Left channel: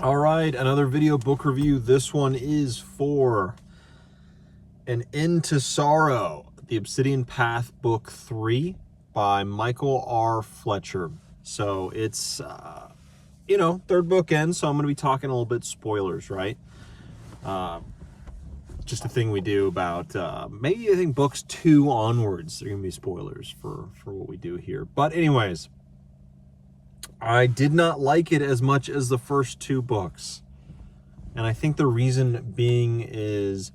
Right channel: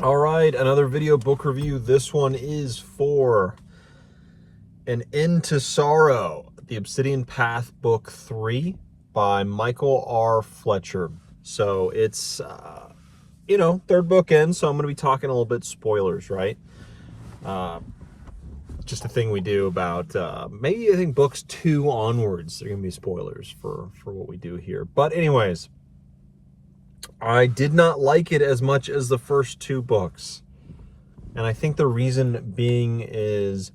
All right, another video book review. This one is for An End to Sorrow, the Obsidian Path Book 3 by Michael R. Fletcher. So it's, third book in, so I'm going to be talking a little bit spoilers, right? Just a thing we do about, maybe I think books 2 onwards are going to be spoilers for what we do here. But anyways, I did not like it as much as the first 2 books. And I think the reason being is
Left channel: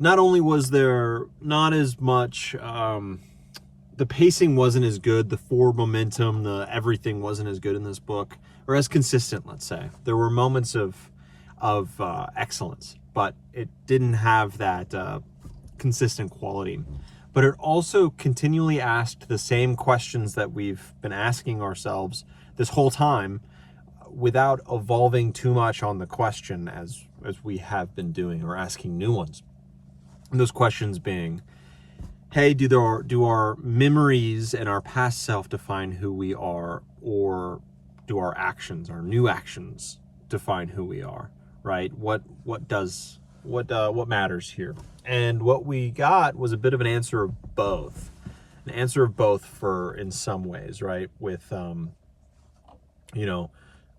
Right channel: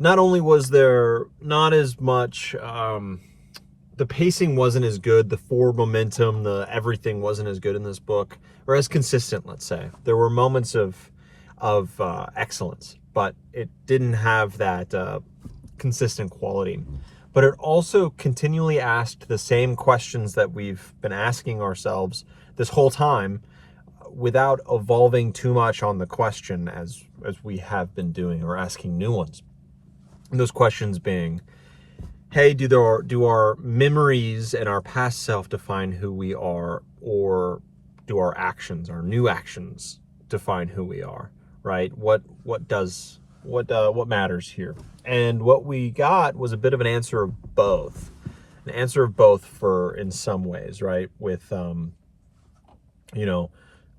not only was there not as much, the pacing wasn't as good, the forward momentum, the everything wasn't as good in this book, or as consistent, let's say. There were moments of excellence, but it didn't have that consistent quality. But it also continually asked the same questions that we've been asking ourselves this whole time, without evolving too much on the question as we have been doing, or asking new ones. And those questions being, hey, do our memories and our past self define who we are, or do our actions, our new actions, define who we are, right? What matters here? And what we got was a bit of an answer of both. An answer of both for, in some ways, right? With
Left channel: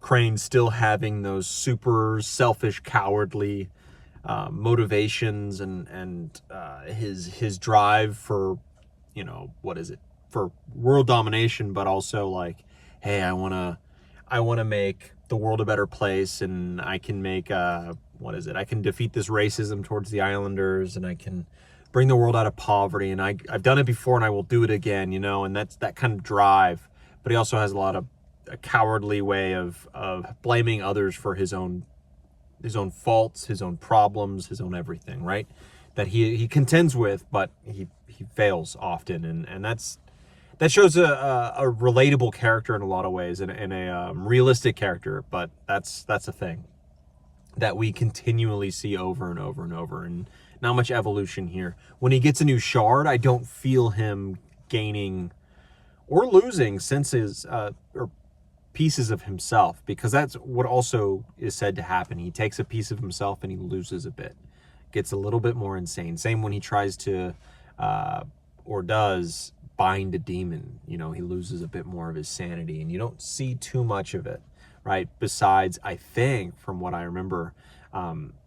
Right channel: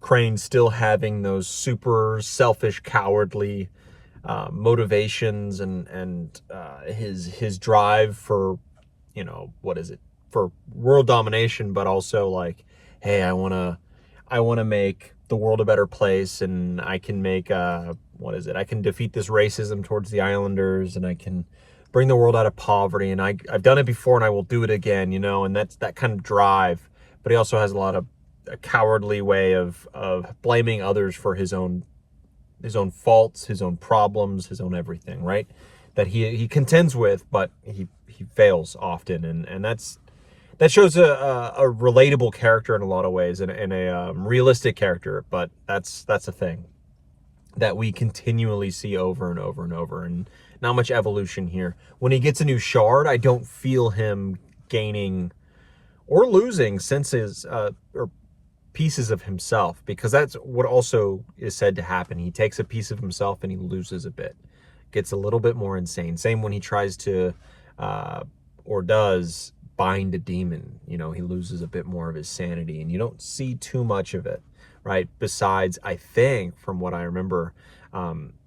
Crane still having those super selfish, cowardly motivations, and his drive for, what is it, for world domination, but also like, hey, I wanna make the world a better place, and I can make I can defeat this racism towards the islanders, and I can bring the world out of poverty, and I've done it before and I will do it again, and that's that kind of drive. But he also has a cowardly way of blaming others for his own faults, his own problems, his own everything, right? That he contends with, but he fails often, and that shows a relatable character in a lot of ways, and a realistic character. But that's a thing that we continually see over and over and over, and not much evolution here. When he gets a new shard, I don't feel him gaining or losing senses, or pieces of himself, because that's what also is said to happen. He takes a piece of himself and he loses a bit, gets a little bit more insane. Same when he tries to, or does, bind a demon. He loses a bit more of his sanity, and you don't see too much of it, right? Besides, I think, from what I remember,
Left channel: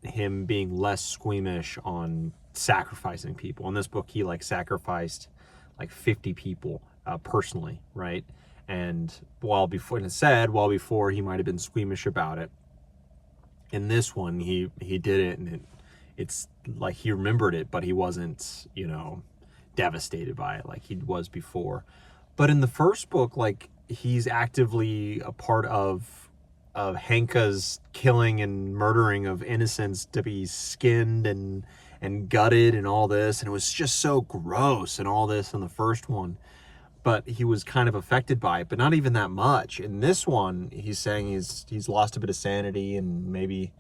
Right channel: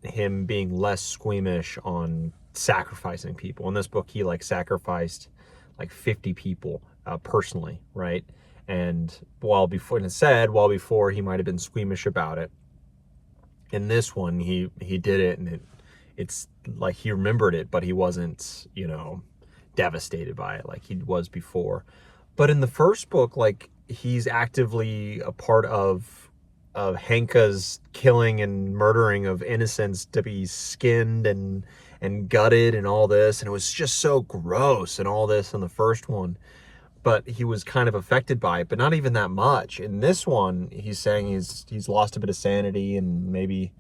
him being less squeamish on sacrificing people. In this book, he sacrificed 50 people personally, right? And while before he might have been squeamish about it, in this one he did it, and it's like he remembered it, but he wasn't, devastated by it like he was before. But in the first book, he's actively a part of Henka's killing and murdering of innocents to be skinned and gutted and all this, and it was just so gross and all this in the first one. But he was kind of affected by it, but not even that much. In this one, he's saying he's lost a bit of sanity, and maybe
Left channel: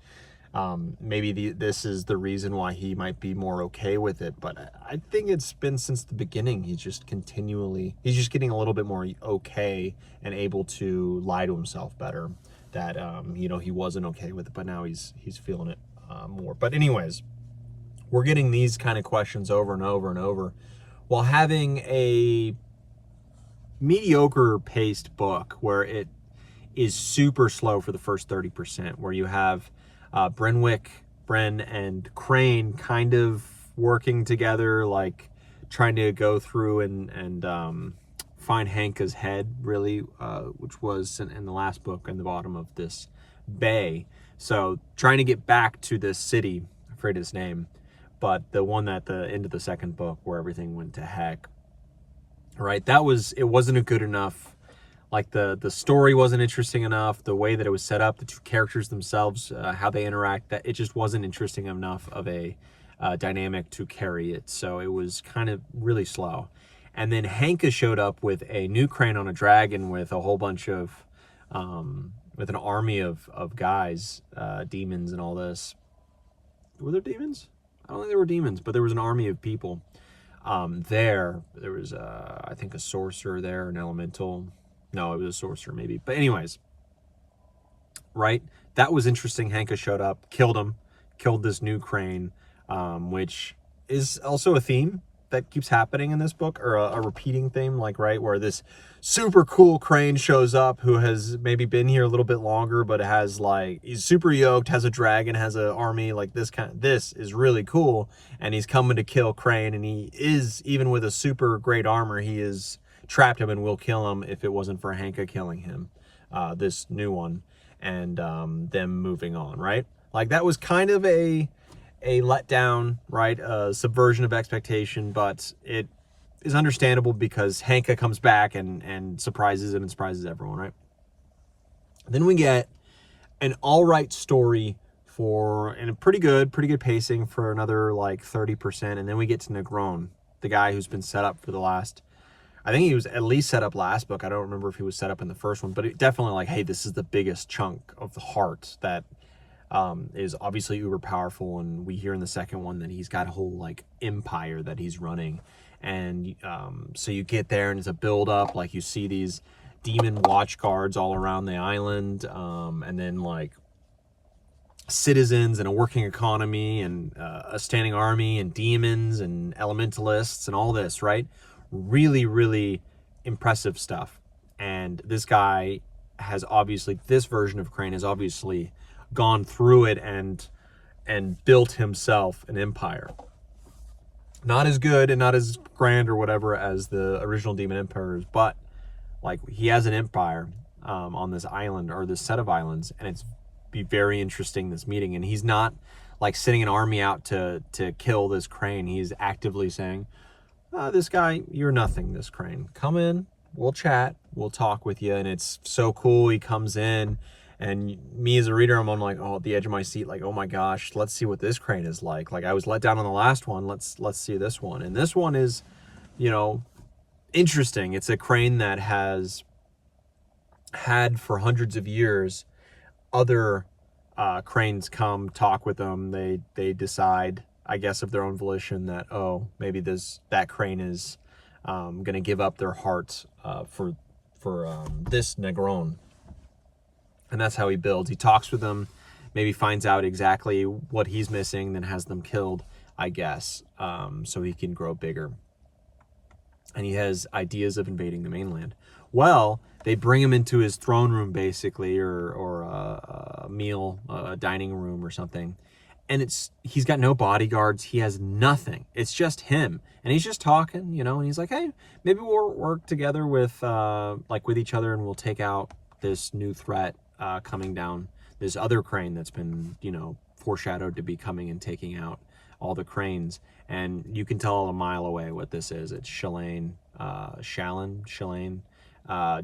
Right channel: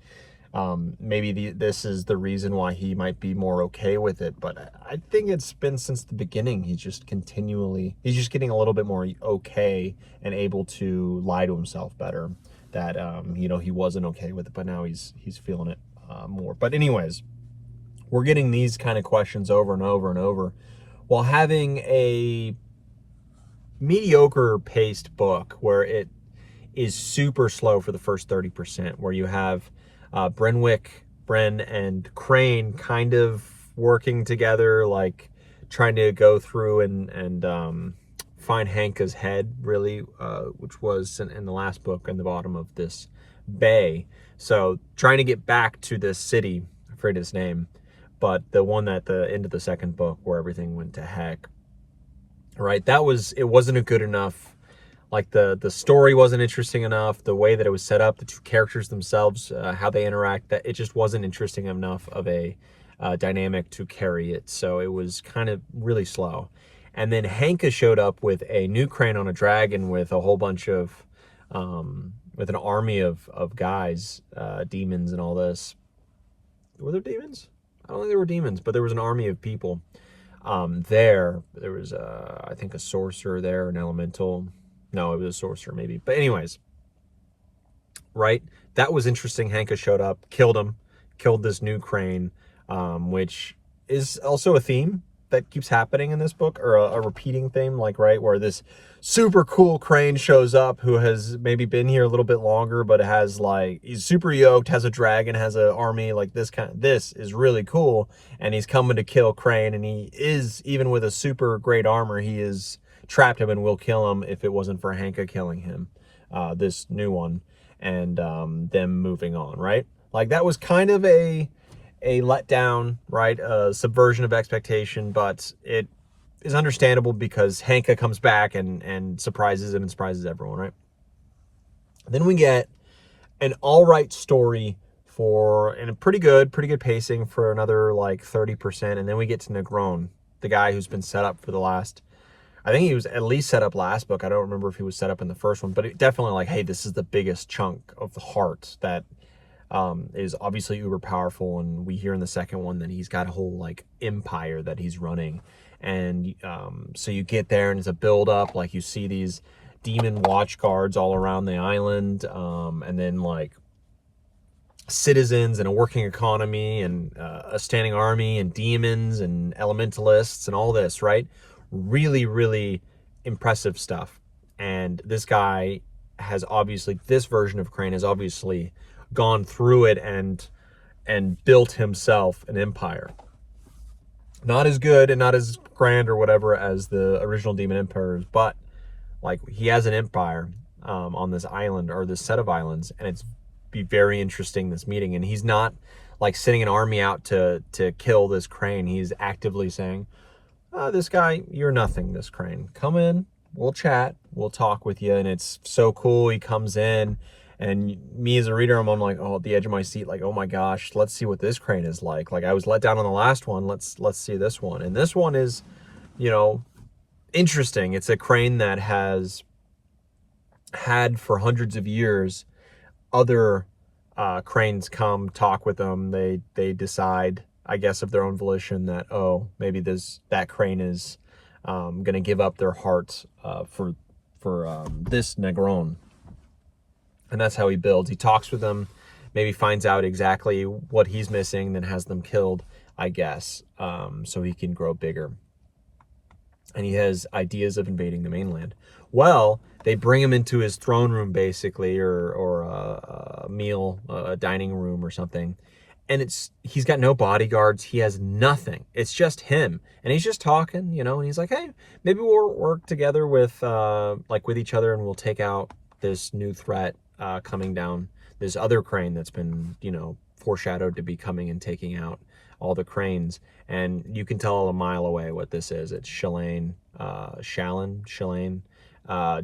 this is the reason why he might be more okay with it. But I think it's been since the beginning. He's just getting a little bit more okay and able to lie to himself better. That he wasn't okay with it, but now he's feeling it more. But anyways, we're getting these kind of questions over and over and over, while having a mediocre paced book where it is super slow for the first 30%, where you have Bren and Crane kind of working together, trying to go through and find Hanka's head, really, which was in the last book in the bottom of this bay. So trying to get back to this city, I forget its name, but the one at the end of the second book where everything went to heck, right? It wasn't a good enough, the story wasn't interesting enough, the way that it was set up, the two characters themselves, how they interact, that it just wasn't interesting enough of a dynamic to carry it. So it was kind of really slow. And then Hanka showed up with a new Crane on a dragon, with a whole bunch of with an army of guys, demons and all this. Were there demons? I don't think there were demons, but there was an army of people. There was, I think, a sorcerer there, an elemental. No, it was a sorcerer maybe. But anyways, right? that was interesting. Hanka showed up, killed him, killed this new crane, which is also a theme that keeps happening in this book, or a repeating theme, like, right, where this super cool crane shows up who has maybe been here a little bit longer, but has, like, he's super yoked, has a dragon, has an army, like, this is really cool, and he's coming to kill Crane, and he is, even with a super great armor, he is trapped him and will kill him if it wasn't for Hanka killing him, this new one, and them moving on, right? Like, that was kind of a letdown, right? A subversion of expectation, but it is understandable because Hanka comes back and surprises him and surprises everyone, right? Then we get an all right story and a pretty good pacing for another like 30%, and then we get to Negron, the guy who's been set up for the last, I think he was at least set up last book. I don't remember if he was set up in the first one, but it definitely, like, hey, this is the biggest chunk of the heart that is obviously uber powerful, and we hear in the second one that he's got a whole like empire that he's running, and so you get there and it's a build up, like you see these demon watch guards all around the island, and then like citizens and a working economy and a standing army and demons and elementalists and all this, right? Really, really impressive stuff. And this guy has obviously, this version of Crane has obviously gone through it and built himself an empire. Not as good and not as grand or whatever as the original Demon Emperors, but like, he has an empire on this island, or this set of islands, and it's be very interesting, this meeting. And he's not like sending an army out to kill this Crane. He's actively saying, this guy, you're nothing, this Crane. Come in, we'll chat, we'll talk with you. And it's so cool. He comes in, and me as a reader, I'm on like, oh, at the edge of my seat, like, oh my gosh, let's see what this Crane is like. Like, I was let down on the last one. Let's see this one. And this one is, you know, interesting. It's a Crane that has had for hundreds of years other Cranes come talk with them. They decide, I guess, of their own volition, that, oh, maybe that Crane is gonna give up their heart for this Negron. And that's how he builds. He talks with them, maybe finds out exactly what he's missing, then has them killed, I guess, so he can grow bigger. And he has ideas of invading the mainland. Well, they bring him into his throne room, basically, or a meal, a dining room or something. And he's got no bodyguards. He has nothing. It's just him. And he's just talking, you know, and he's like, hey, maybe we'll work together with each other, and we'll take out this new threat coming down, this other Crane that's been, you know, foreshadowed to be coming and taking out all the Cranes. And you can tell a mile away what this is. It's Shalane,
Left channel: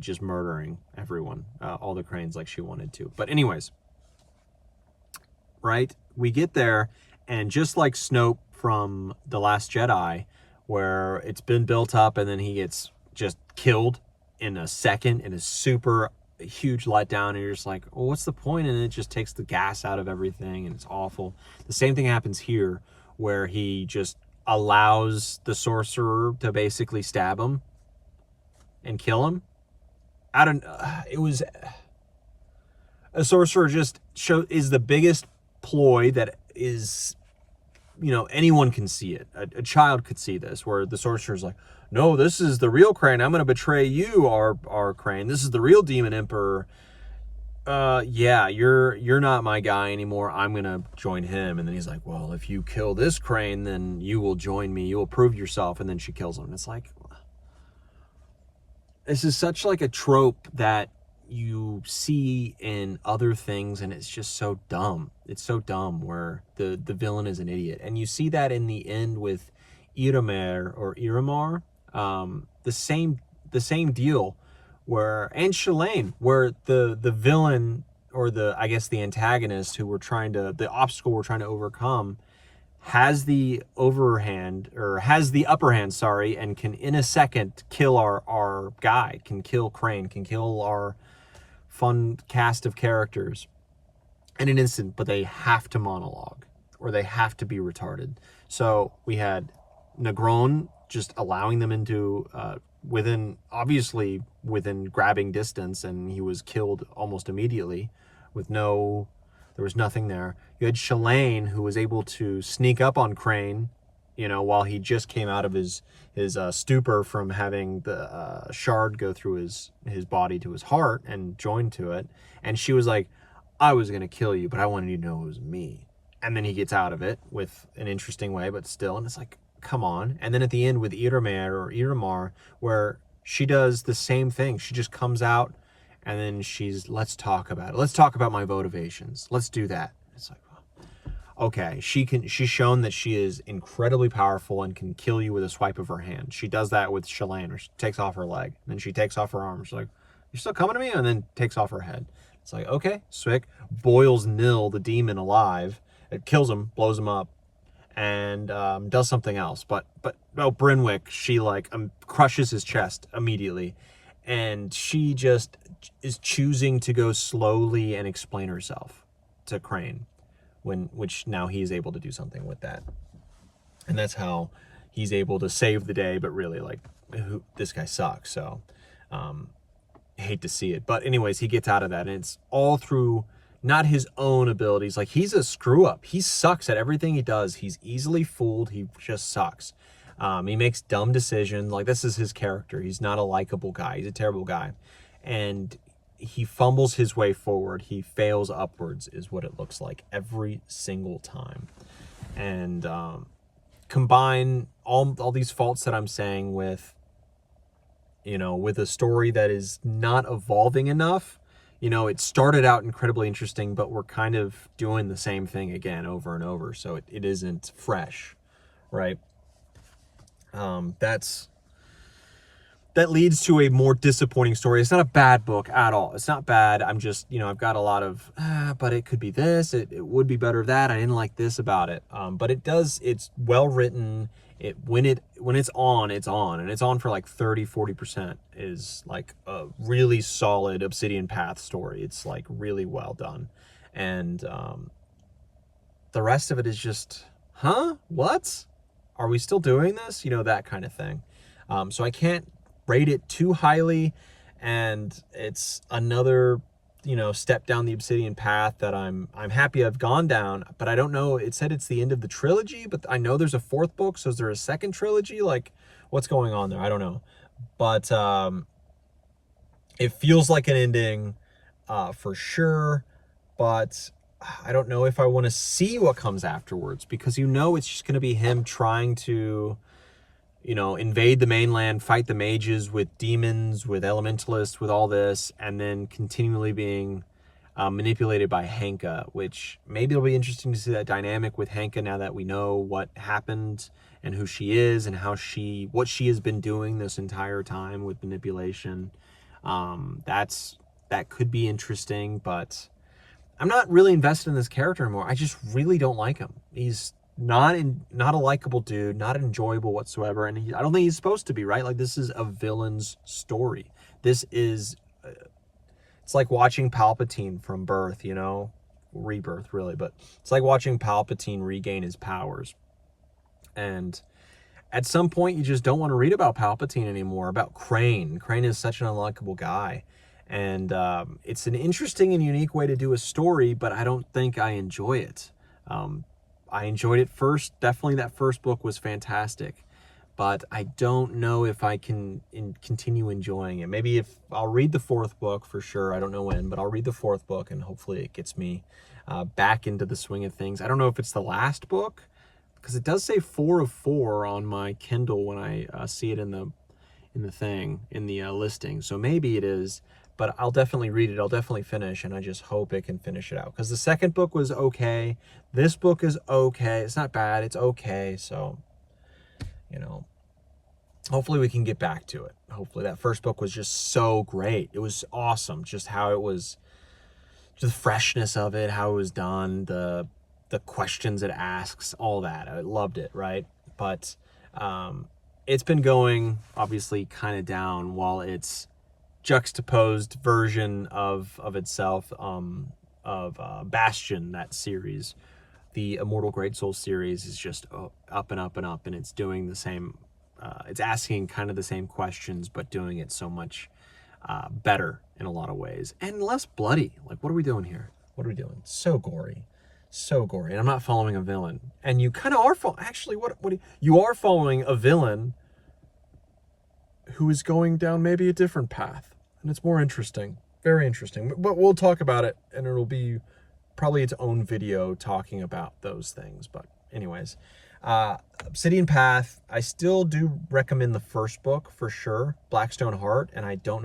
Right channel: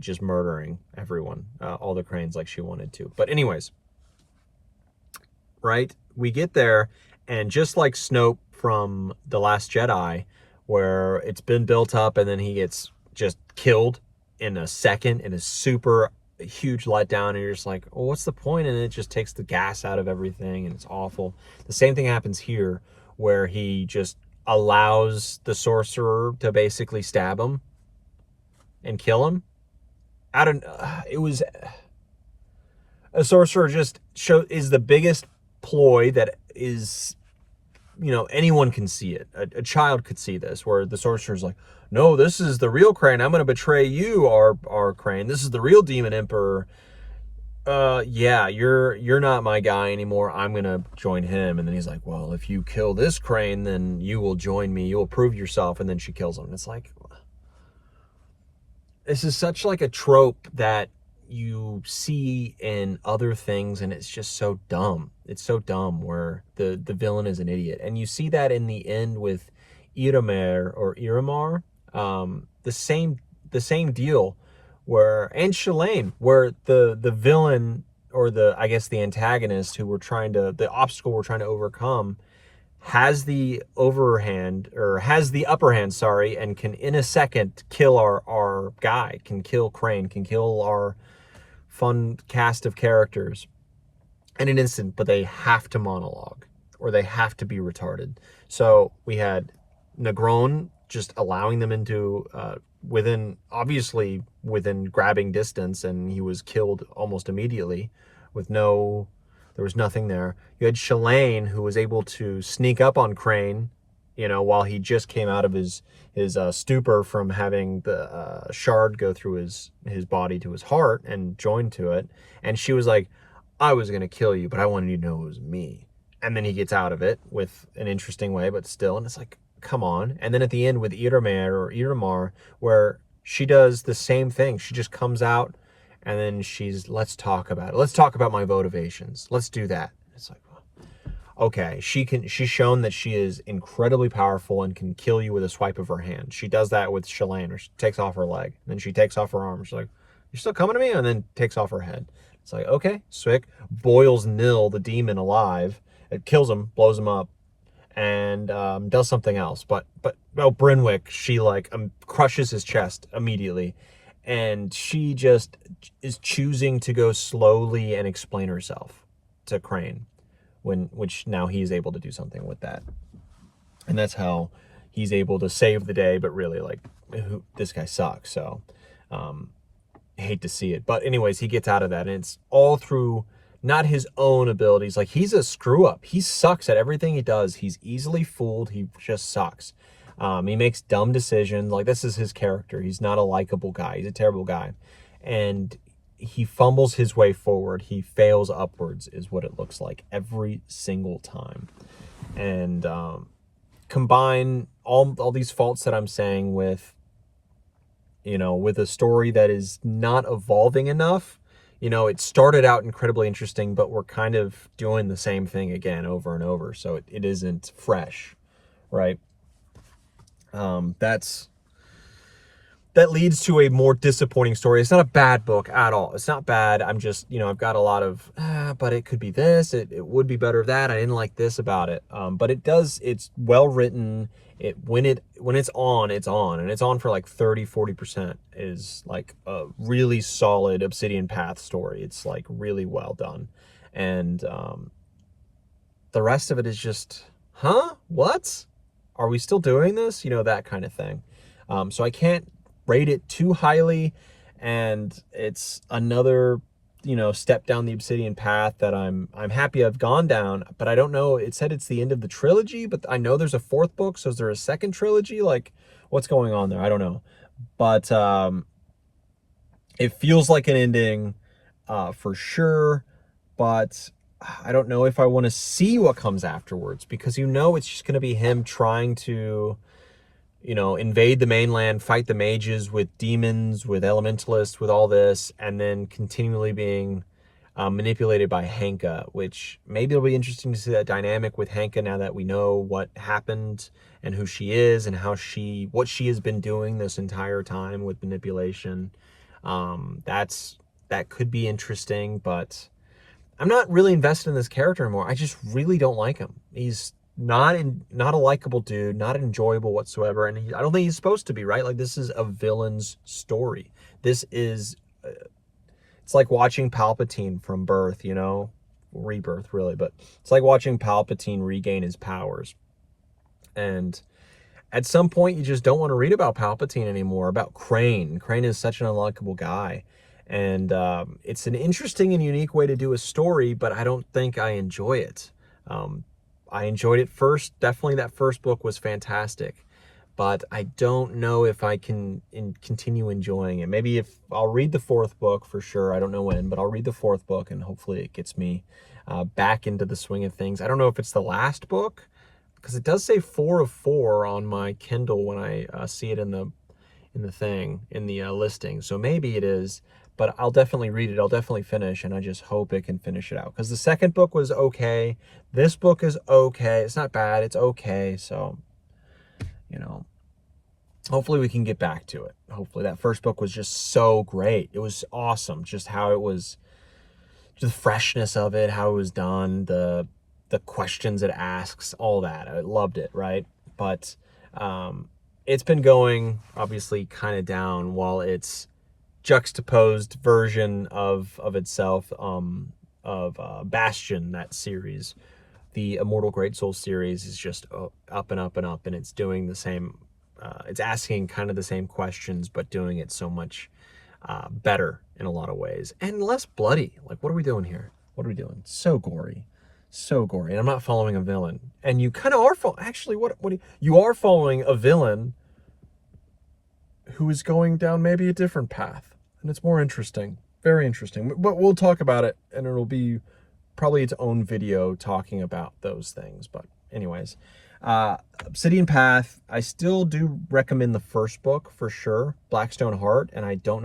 just murdering everyone, all the Cranes, like she wanted to. But anyways, right, we get there, and just like Snoke from The Last Jedi, where it's been built up and then he gets just killed in a second, in a super huge letdown, and you're just like, oh, what's the point? And it just takes the gas out of everything, and it's awful. The same thing happens here, where he just allows the sorcerer to basically stab him and kill him. It was a sorcerer just is the biggest ploy that is, you know, anyone can see it. A child could see this, where the sorcerer's like, no, this is the real Crane. I'm going to betray you, our Crane. This is the real Demon Emperor. Yeah, you're not my guy anymore. I'm going to join him. And then he's like, well, if you kill this Crane, then you will join me. You will prove yourself. And then she kills him. And it's like, this is such like a trope that you see in other things, and it's just so dumb. It's so dumb, where the villain is an idiot. And you see that in the end with Iramar, the same deal, and Shalane, where the villain, or I guess the antagonist, the obstacle we're trying to overcome, has the upper hand, sorry, and can in a second kill our guy, can kill Crane, can kill our fun cast of characters in an instant, but they have to monologue, or they have to be retarded. So we had Negron just allowing them into within grabbing distance, and he was killed almost immediately with no There was nothing there. You had Shalane, who was able to sneak up on Crane, while he just came out of his stupor from having the shard go through his body to his heart and join to it. And she was like, I was going to kill you, but I wanted you to know it was me. And then he gets out of it with an interesting way, but still. And it's like, come on. And then at the end with Iramar, where she does the same thing. She just comes out and then let's talk about it. Let's talk about my motivations. Let's do that. It's like, okay, she's shown that she is incredibly powerful and can kill you with a swipe of her hand. She does that with Shalane, or she takes off her leg. Then she takes off her arm. She's like, you're still coming to me? And then takes off her head. It's like, okay, Swick boils Nil, the demon, alive. It kills him, blows him up, and does something else. But Brynwick, she crushes his chest immediately. And she just is choosing to go slowly and explain herself to Crane. Which now he's able to do something with that. And that's how he's able to save the day, but really, this guy sucks, so hate to see it. But anyways, he gets out of that, and it's all through not his own abilities. Like, he's a screw-up. He sucks at everything he does. He's easily fooled. He just sucks. He makes dumb decisions. Like, this is his character. He's not a likable guy. He's a terrible guy. And he fumbles his way forward. He fails upwards is what it looks like every single time. And combine all these faults that I'm saying with a story that is not evolving enough. It started out incredibly interesting, but we're kind of doing the same thing again over and over. So it isn't fresh, right? That leads to a more disappointing story. It's not a bad book at all. It's not bad. I'm just, I've got a lot of, but it could be this. It would be better that. I didn't like this about it. But it's well written. When it's on, it's on. And it's on for 30-40% is a really solid Obsidian Path story. It's really well done. And the rest of it is just, what? Are we still doing this? That kind of thing. So I can't rate it too highly, and it's another step down the Obsidian path that I'm happy I've gone down, but I don't know. It said it's the end of the trilogy, but I know there's a fourth book, so is there a second trilogy? What's going on there? I don't know, but it feels like an ending for sure, but I don't know if I want to see what comes afterwards, because it's just going to be him trying to invade the mainland, fight the mages with demons, with elementalists, with all this, and then continually being manipulated by Henka, which maybe it'll be interesting to see that dynamic with Henka now that we know what happened and who she is and what she has been doing this entire time with manipulation. That could be interesting, but I'm not really invested in this character anymore. I just really don't like him. He's not a likable dude, not enjoyable whatsoever, and I don't think he's supposed to be, right? This is a villain's story. This is it's like watching Palpatine from birth, rebirth really, but it's like watching Palpatine regain his powers. And at some point you just don't want to read about Palpatine anymore, about Crane. Crane is such an unlikable guy. And it's an interesting and unique way to do a story, but I don't think I enjoy it. I enjoyed it first. Definitely that first book was fantastic, but I don't know if I can continue enjoying it. Maybe if I'll read the fourth book for sure. I don't know when, but I'll read the fourth book and hopefully it gets me back into the swing of things. I don't know if it's the last book, because it does say 4 of 4 on my Kindle when I see it in the listing. So maybe it is, but I'll definitely read it. I'll definitely finish, and I just hope it can finish it out, because the second book was okay. This book is okay. It's not bad. It's okay. So, hopefully we can get back to it. Hopefully that first book was just so great. It was awesome. Just how it was, the freshness of it, how it was done, the questions it asks, all that. I loved it, right? But it's been going obviously kind of down while its juxtaposed version of itself, Bastion, that series, the Immortal Great Soul series, is just up and up and up, and it's doing the same. It's asking kind of the same questions, but doing it so much better in a lot of ways, and less bloody. What are we doing here? What are we doing? So gory. So gory. And I'm not following a villain. And you kind of are actually, you are following a villain who is going down maybe a different path. And it's more interesting. Very interesting. But we'll talk about it, and it'll be probably its own video talking about those things. But anyways, Obsidian Path, I still do recommend the first book for sure, Blackstone Heart, and I don't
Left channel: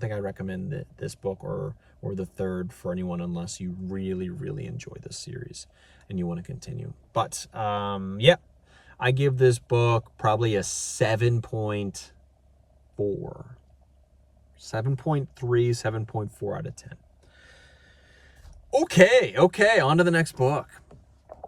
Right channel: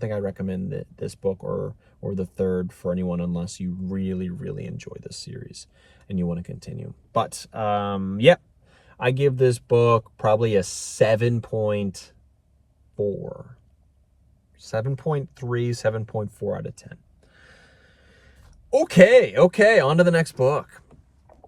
think I recommend this book or the third for anyone unless you really, really enjoy this series and you want to continue. But yeah, I give this book probably a 7.4. 7.3, 7.4 out of 10. Okay, on to the next book.